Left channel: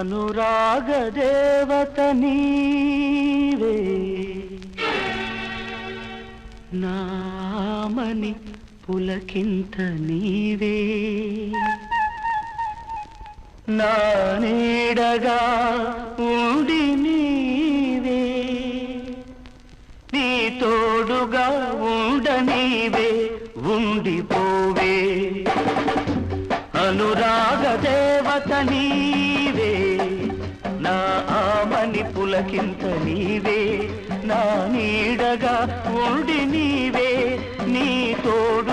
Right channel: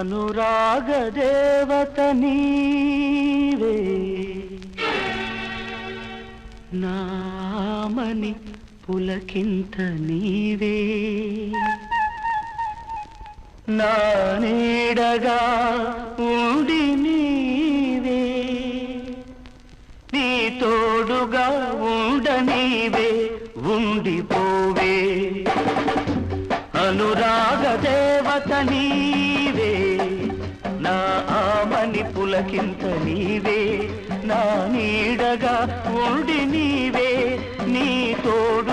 అనురాగ దేవత నీవే నామని పులకింత నీవే. నా నీడగా ఉండి నీవే. నీ తోడుగా ఉండ నీవే ఉండిపోవే. అనురాగ దేవత నీవే నాకింత నీవే నా నీడగా ఉండి నీవే నీ తోడు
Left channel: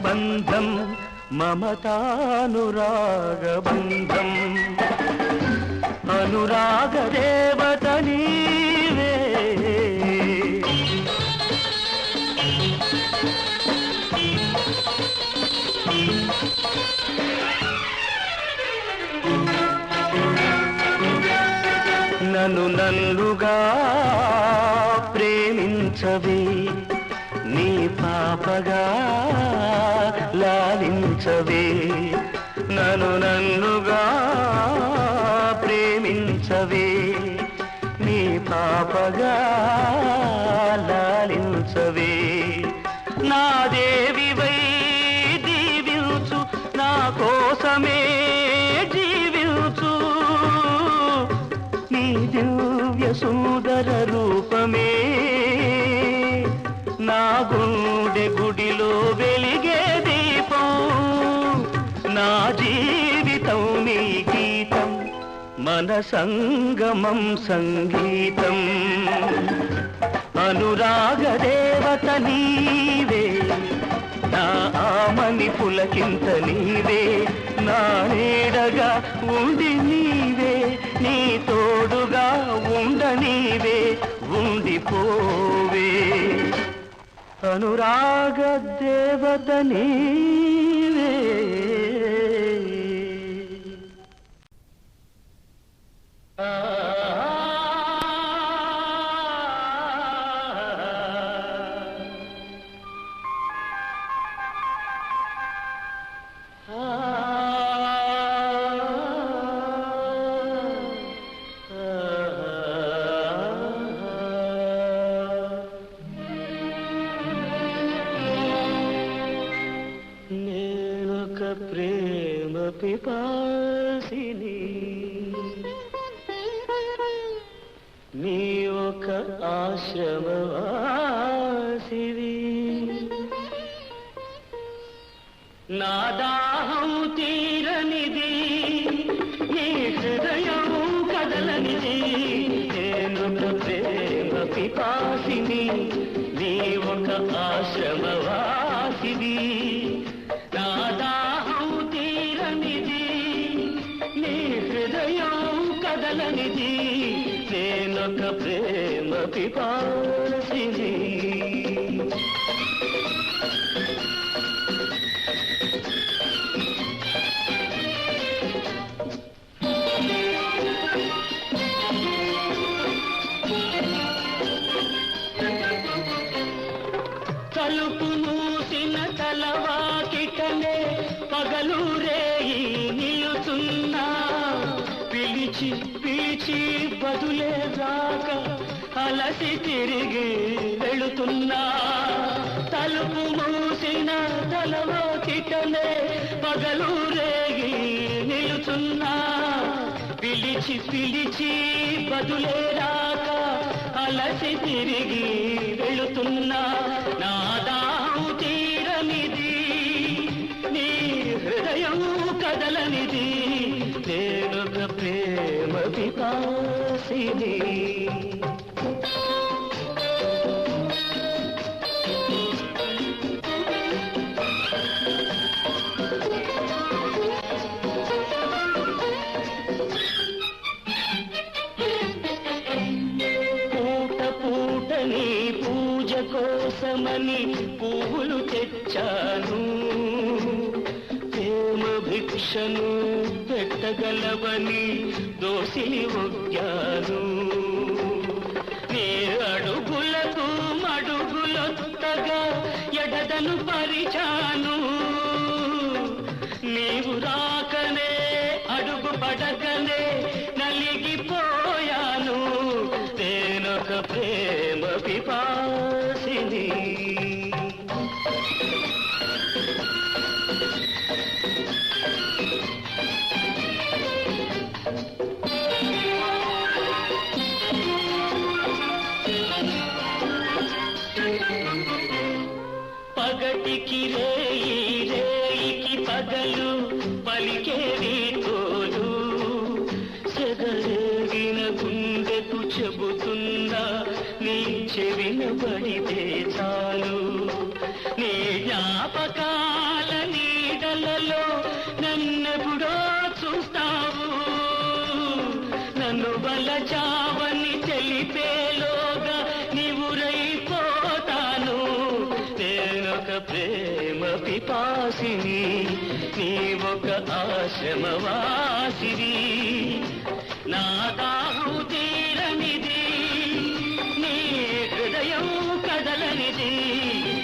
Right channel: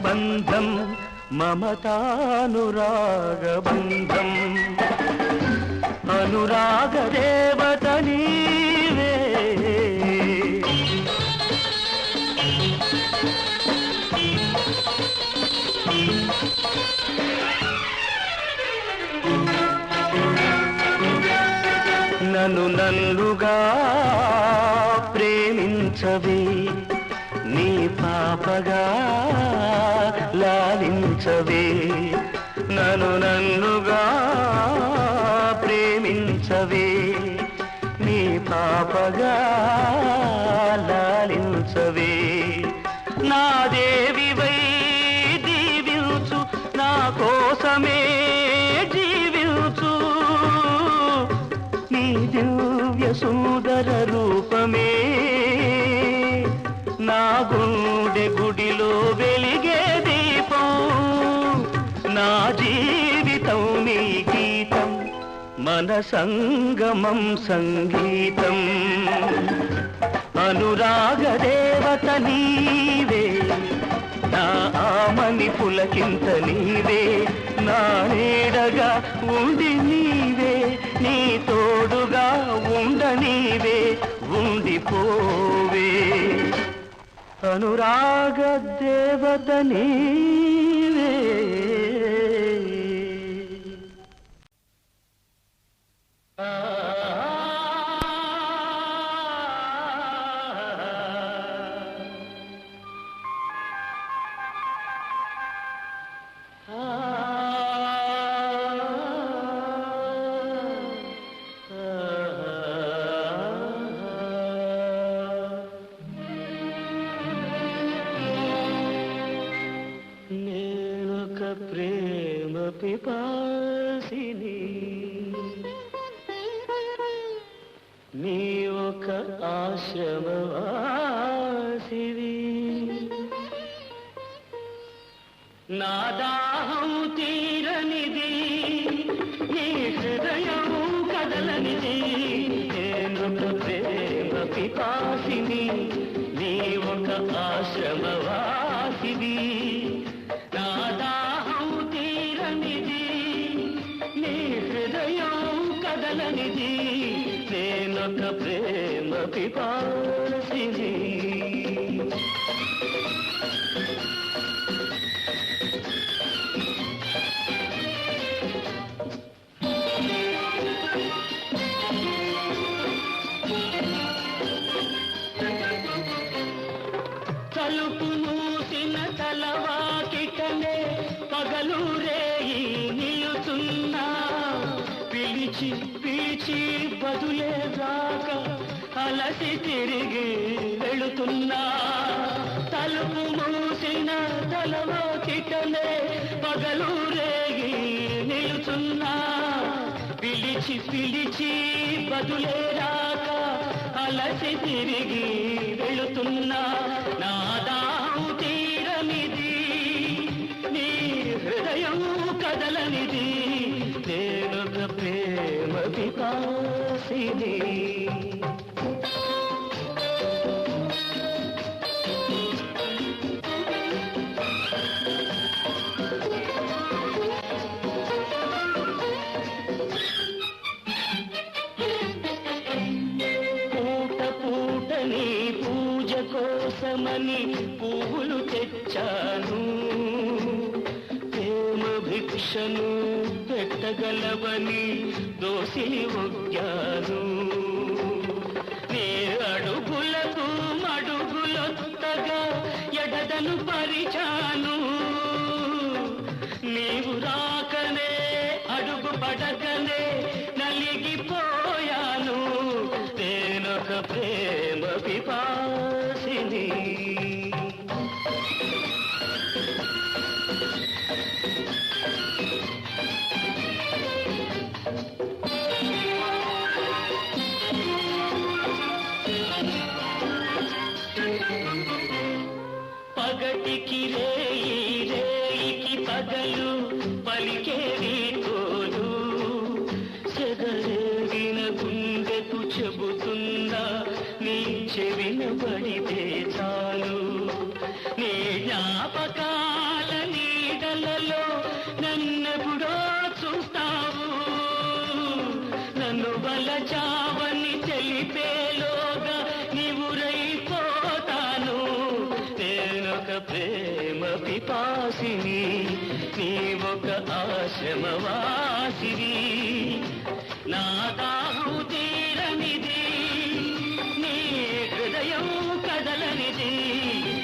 బంధం మమతానురాగబంధం. అనురాగ దేవత నీవే. నన్ను నన్నుగా ప్రేమించవే. నీ లాలించవే. నన్ను నన్నుగా ప్రేమించవే. నీ పాపగా లాలించవే. నా దేవి మన సంగమం సంగీతం అనురాగ దేవత నీవే నా ఆమని పులకింత నీవే నా నీడగా ఉండి నీవే నీ తోడుగా ఉండ నీవే ఉండిపోవే అనురాగ దేవత నీవే కదలనిది నేనొక ప్రేమ పిపాసిని పిలిచి పిలిచి బదులే రాక అలసి తిరిగి వెళుతున్నా నా దాహం తీరనిది. నీ హృదయం కదలనిది. నేనొక ప్రేమ పిపాసిని. ప్రేమ పిపాసిని నీవొక ఆశ్రమవాసిని. నా దాహు తీరనిది నీ హృదయం కదలనిది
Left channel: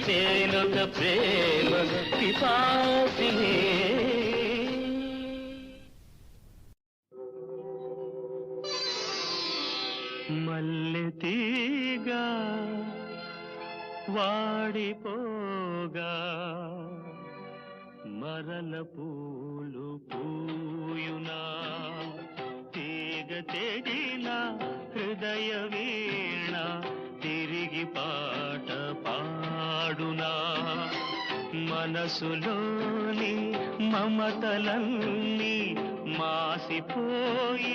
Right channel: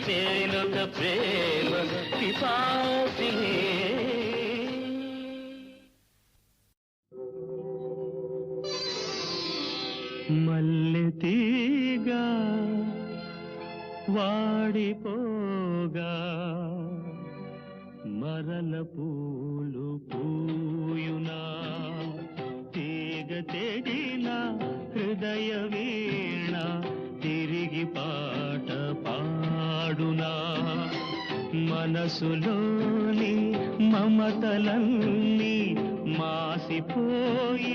నేనొక ప్రేమ పిపాసిని. మల్లె తీగా వాడిపో వాడిపోగా మరల పూలు పూయునా తీగ తెగిన హృదయ వీణ తిరిగి పాట పాడునా మనసులోని మమతలన్నీ మాసిపోయి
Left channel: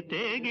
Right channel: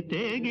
తీగ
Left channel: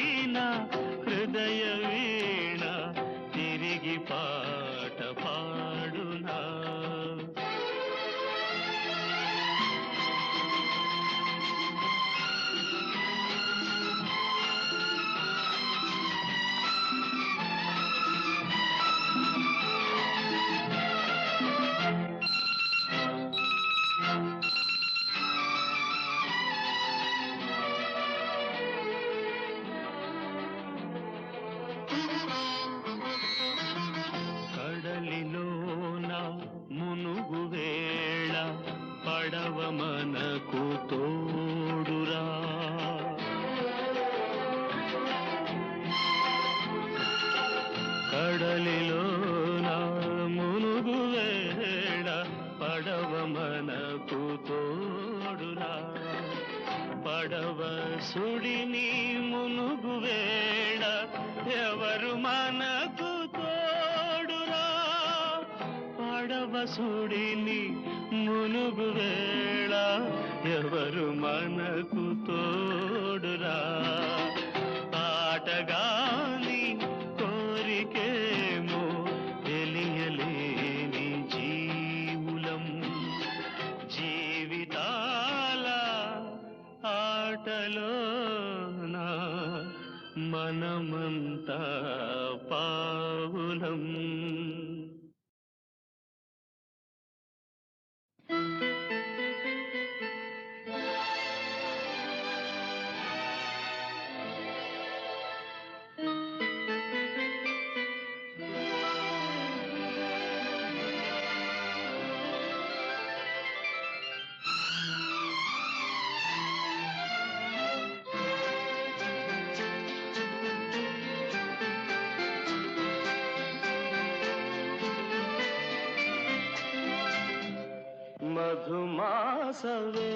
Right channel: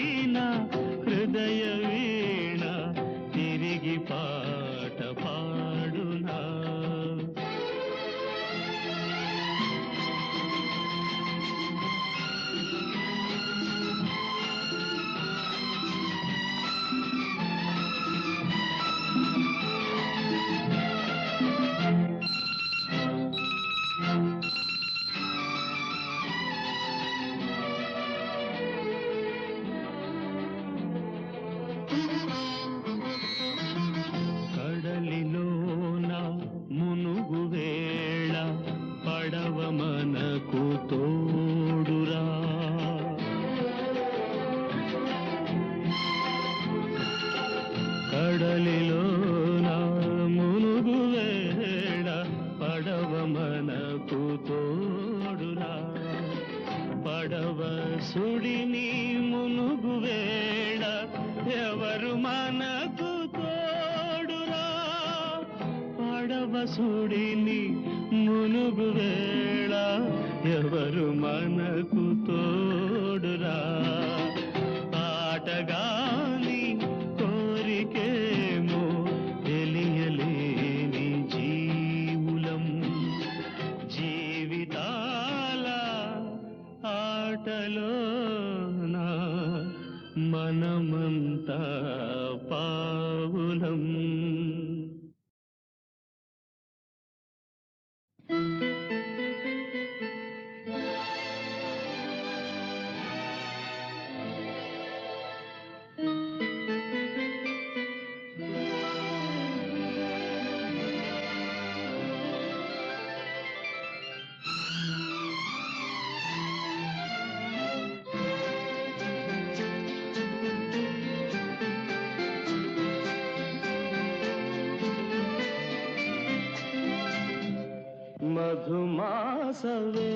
ಸವೇ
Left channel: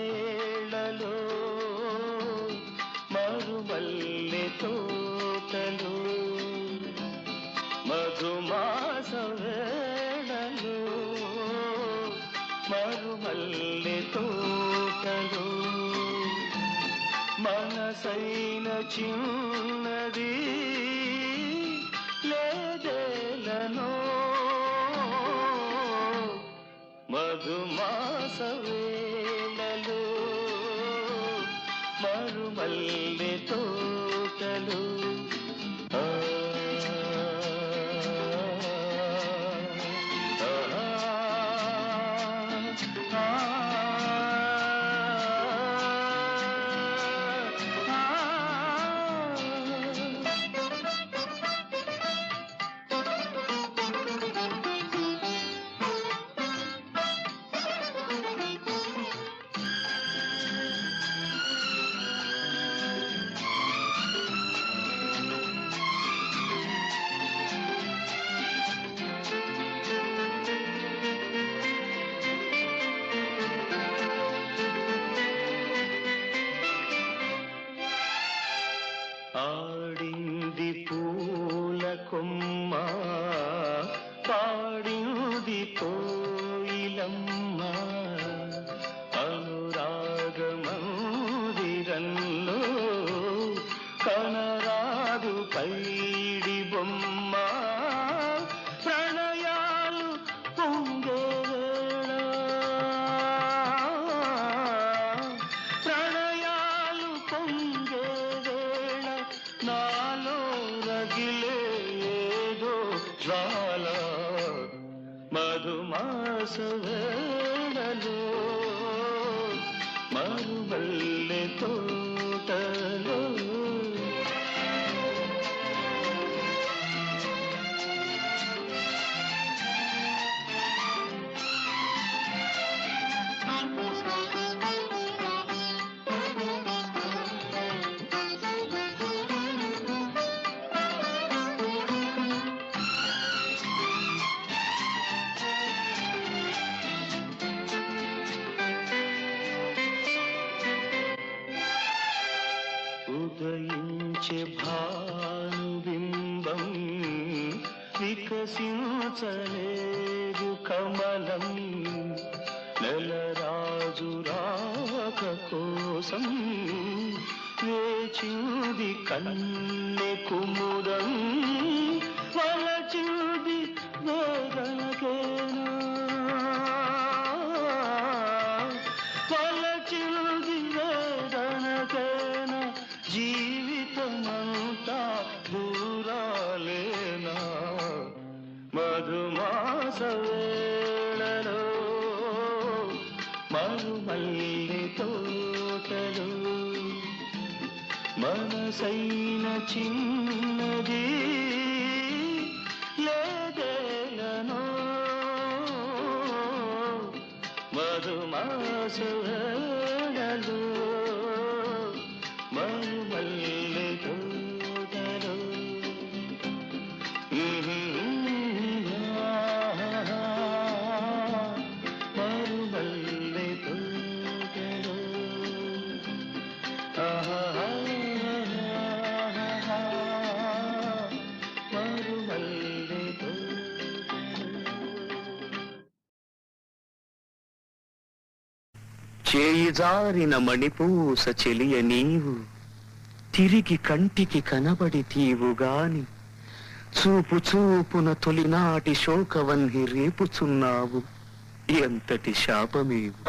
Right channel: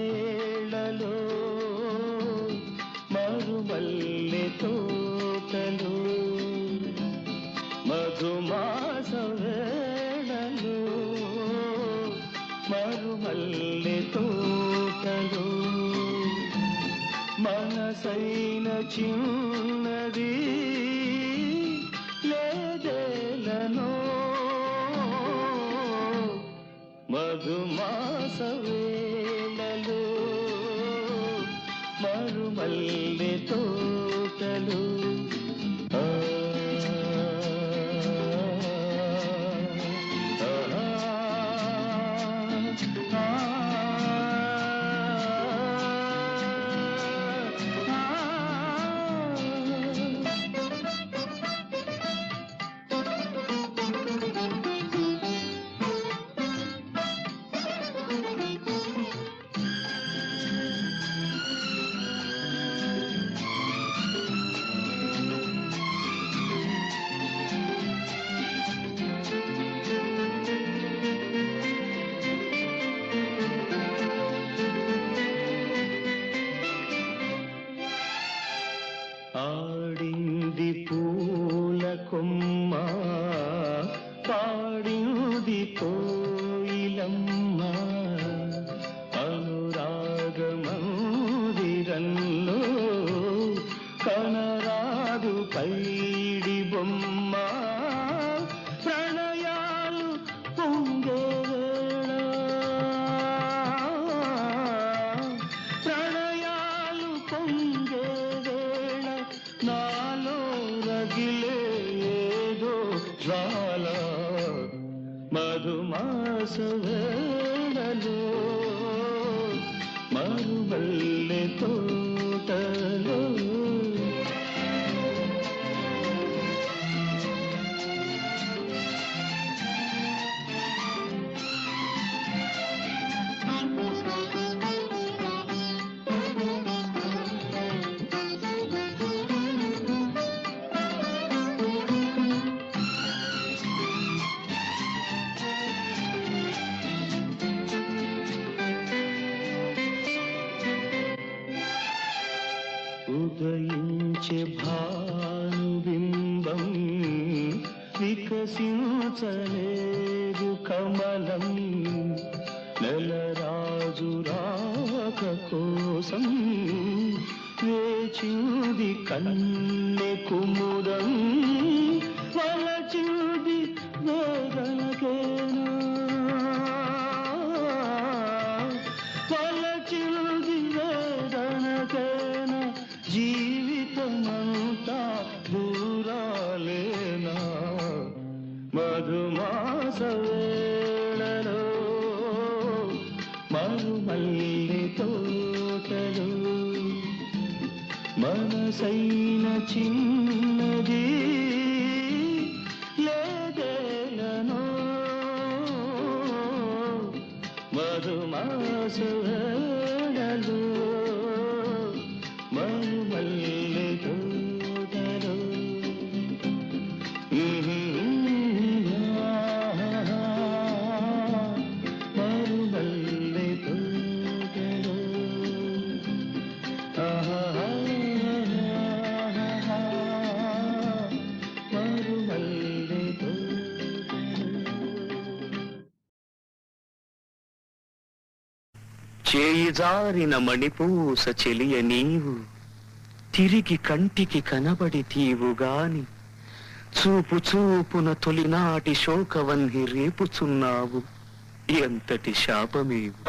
तो बिम्बम् विकसि చేయి జారిన మణిపూస చెలియ నీవు తిరిగి కంటికి కనబడి తీవుగాని చూపు చూపున తొలినాటి శోకవన్హి రేపుచున్నావు ఎంతటి శాపమేవు?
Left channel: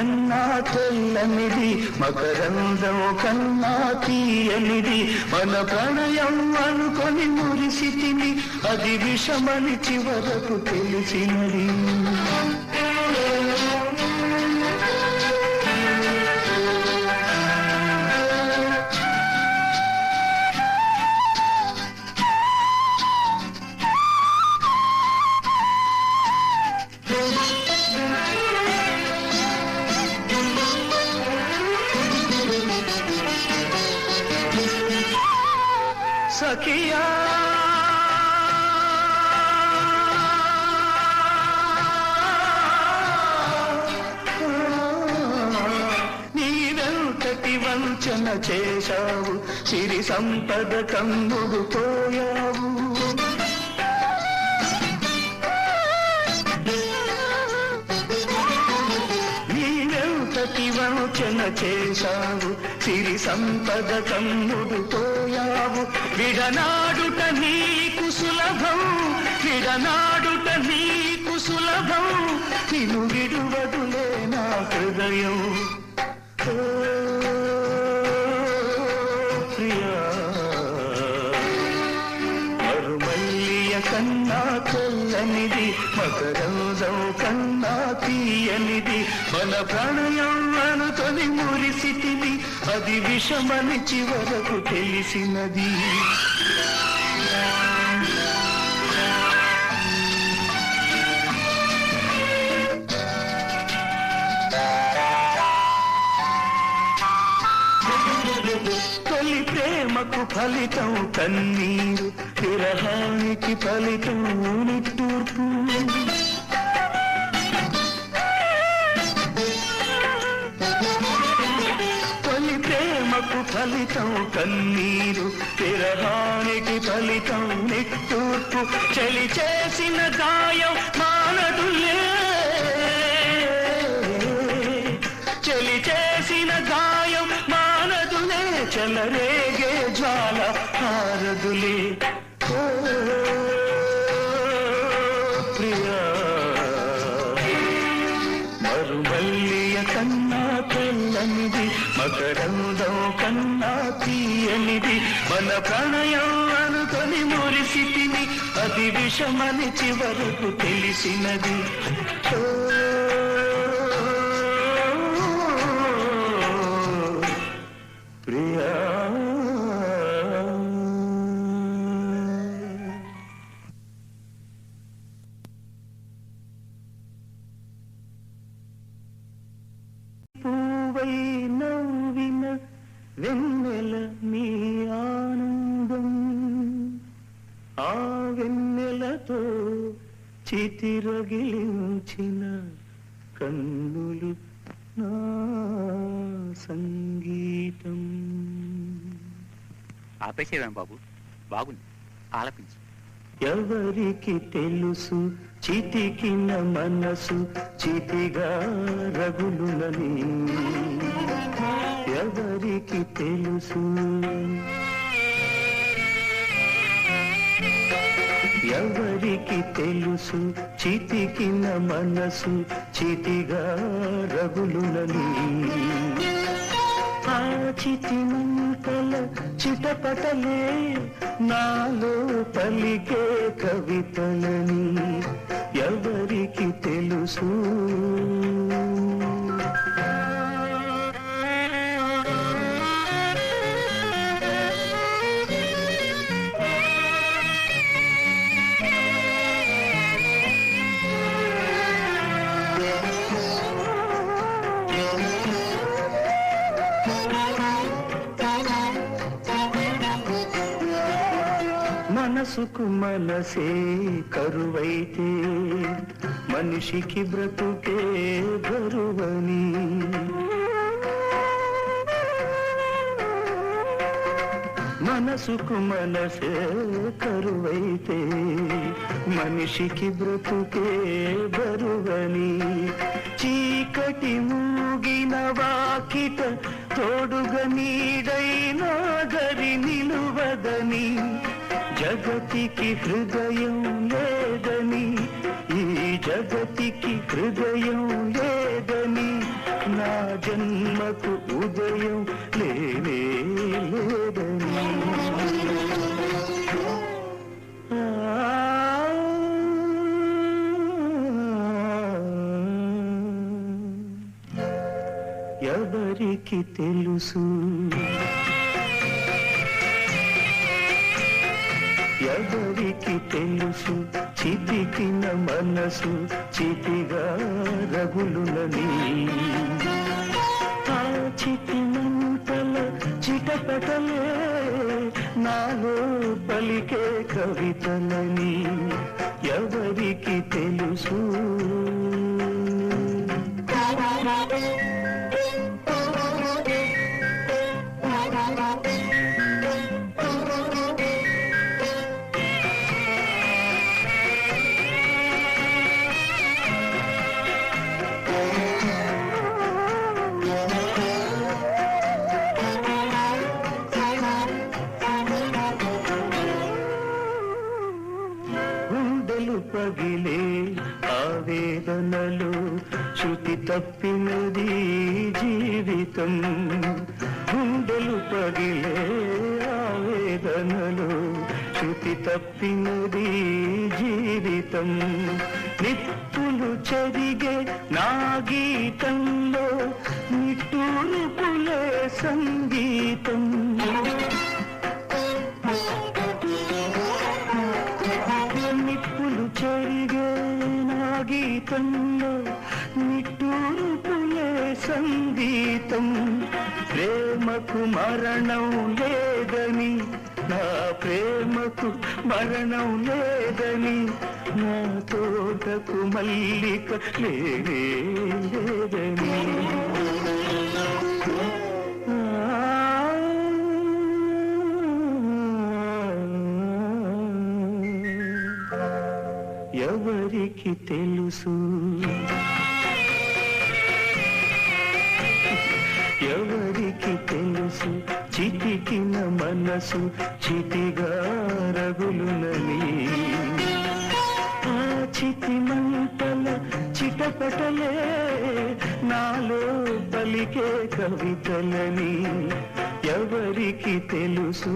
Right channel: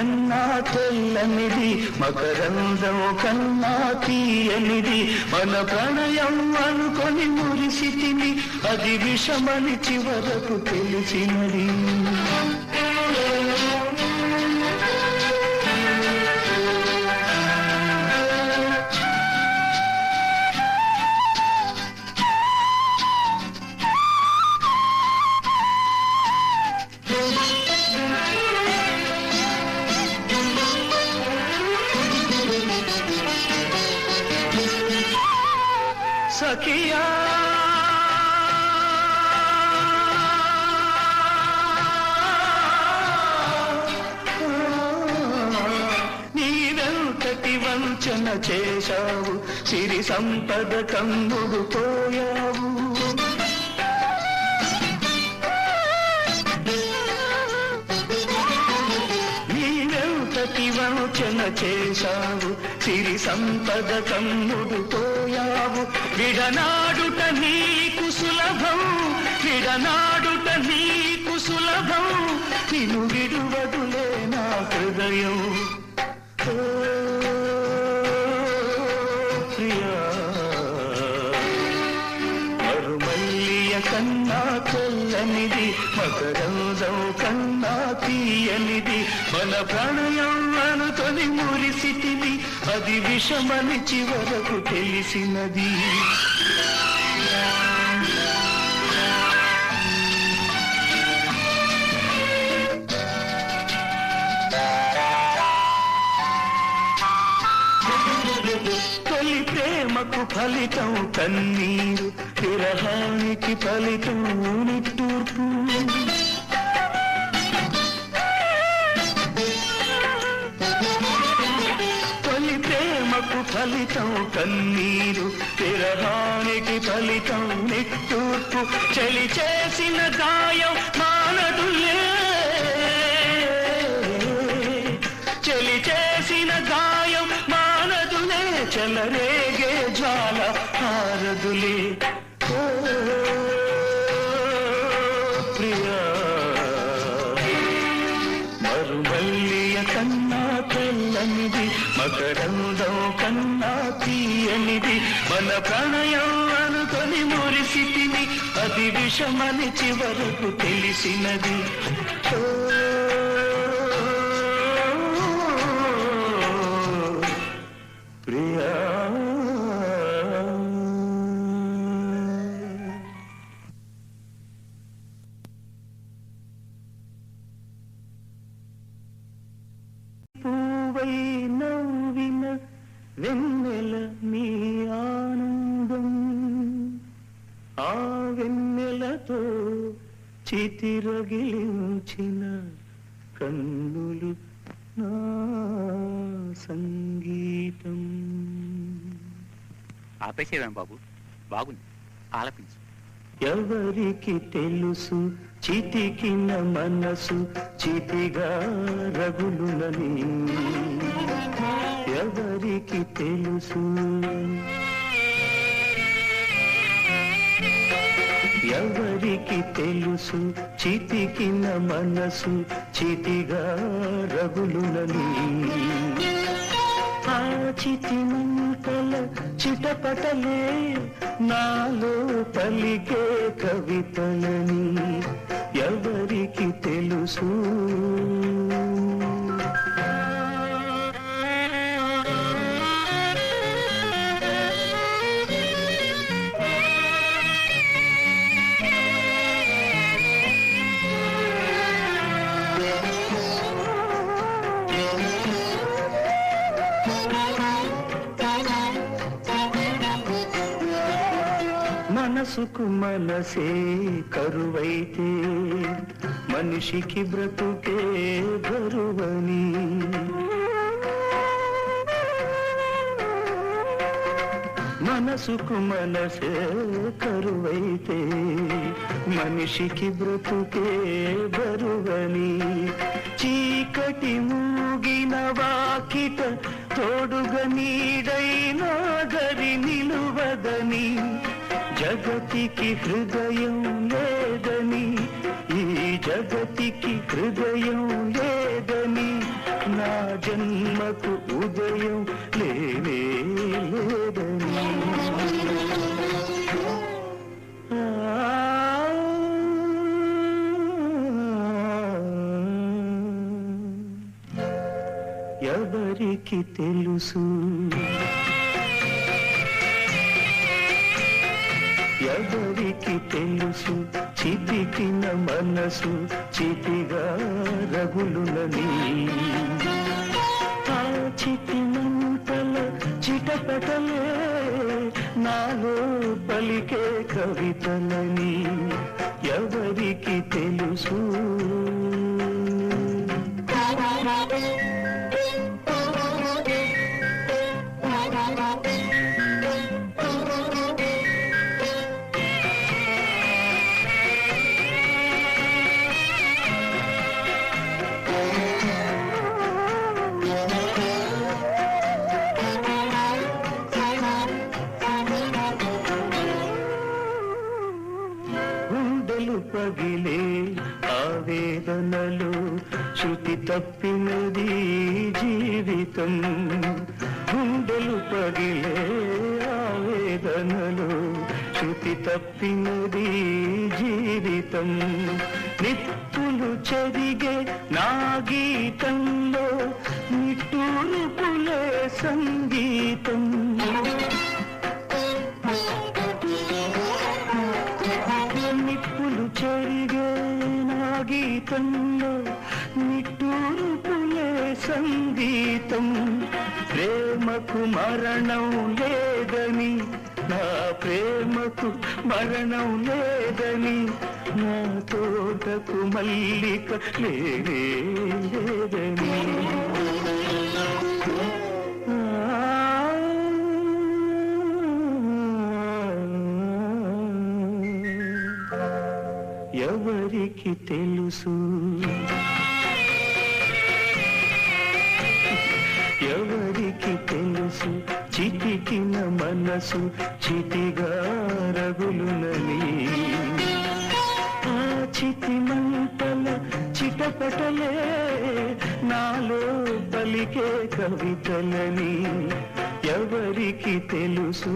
కన్నా తెల్లనిది మకరందం కన్నా తీయనిది. మన ప్రణయం అనుకొని మురిసితిని అది విషమని చివరకు తెలిసినది. చేశావు. సిరి సంపద కందుడు పోయావు. నీవెంతటి వంచన చేశావు? సిరి సంపద కందుడు పోయావు. విడనాడుట నీకు సులభం. విడనాడుట నీకు సులభం. నిన్ను విడువదులే నా హృదయం. Oh తెల్లనిది మకరంజం కన్నా తీయనిది. మన ప్రణయం అనుకొని మురిసితిని అది విషమని చివరకు తెలిసినది. ప్రేమకు ఫలితం కన్నీరు విరహానికి ఫలితం నిట్టూర్పు తొలి ప్రేమకు ఫలితం కన్నీరు విరహానికి ఫలితం నిట్టూర్పు. చలి చేసిన గాయం మానదులే. చలి చేసిన గాయం మానదులే. చలరే మన ప్రణయం అనుకొని మురిసితిని అది విషమని చివరకు తెలిసినది. ఆపేసేవేం బాబు. బాగుంది. ఆలపించు. ఎవరికి తెలుసు? చితికిన మనసు చితిగా రగులునని. ఎవరికి తెలుసు? ఎవరికి తెలుసు? చితికిన మనసు చితిగా రగులునని. ఆ చితి మంటల చిటపటలే నాలో పలికే కవితలని ఎవరికి తెలుసు? మనసుకు మనసే కరువైతే మనిషికి బ్రతుకే బరువని. మనసుకు మనసే కరువైతే మనిషికి బ్రతుకే బరువని. చీకటి మూగిన వాకిట తోడుగా నీడైనా గరి నిలువదని. జగతికి హృదయం లేదని ఈ జగతికి హృదయం లేదని నా జన్మకు ఉదయం లేనే లేదని. ఎవరికి తెలుసు? ఎవరికి తెలుసు చితికిన మనసు చితిగా రగులునని ఆ చితి చిటపటలే నాలో పలికే కవితలని ఎవరికి తెలుసు? పగిలే ఆవేదనలు శృతి తప్పినది జీవితం. గుండెలు పగిలే ఆవేదనలు శృతి తప్పినది జీవితం. నిప్పులు చెరిగే నా గీతంలో నిట్టూరుపులే సంగీతం. గీతంలో నిట్టూరుపులే సంగీతం. ప్రేమకు మరణం లేదని నా ప్రేమకు మరణం లేదని నా తోటకు మల్లిక లేనే లేదని. ఎవరికి తెలుసు ఎవరికి తెలుసు? చితికిన మనసు చితిగా రగులునని ఆ చితి మంటల చిటపటలే నాలో పలికే కవితలని ఎవరికి తెలుసు?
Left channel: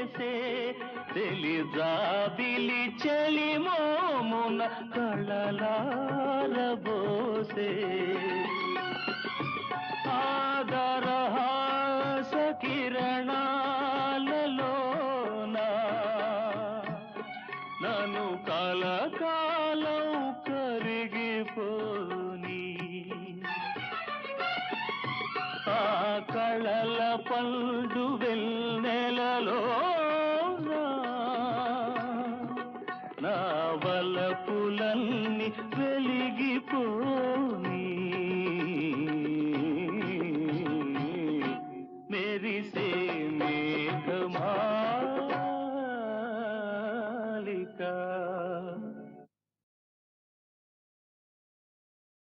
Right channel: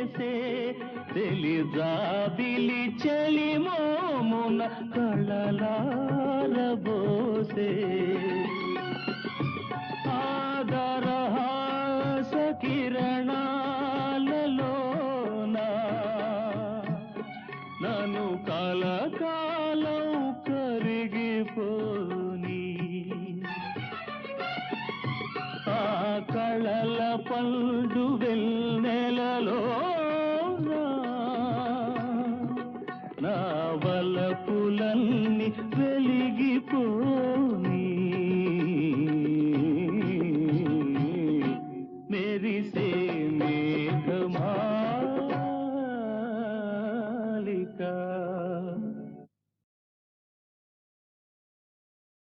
చేసే తెలిజాబిలి చెలిమోమున కళలారబోసే